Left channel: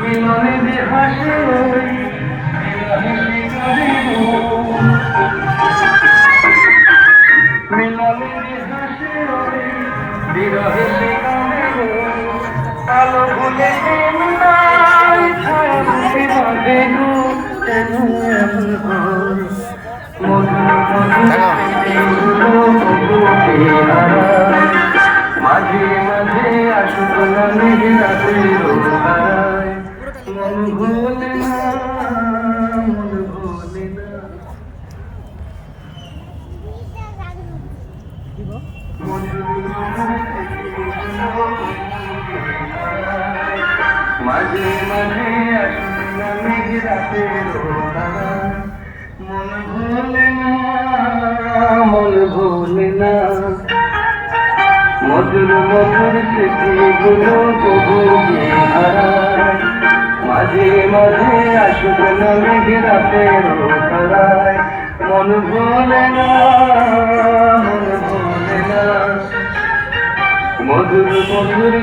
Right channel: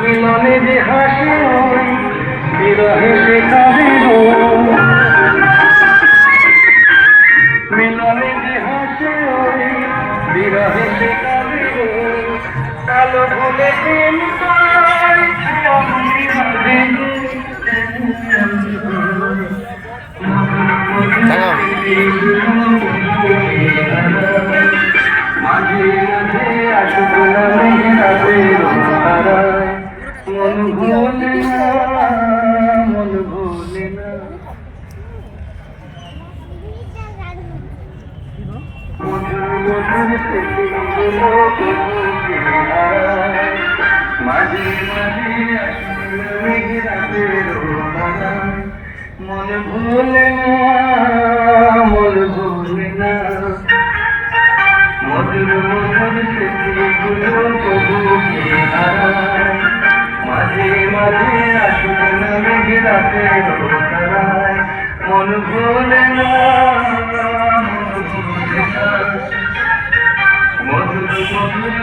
মিলনে যে হাসে বিরহে সে কাঁদে মিলনে যে হাসে বিরহে সে কাঁদে আলো ভুলে মাঝে মাঝে আসুক না মেঘরাতের তারায় মন ভোলে না মন ভোলে না মাঝে মাঝে আসুক না মেঘরাতের তারায় মন ভোলে না মন ভোলে না মধুর মধুর স্মৃতিগুলো প্রভুকে হারায় মাঝে মাঝে আসুক না মেঘরাতের তারায় মন ভোলে না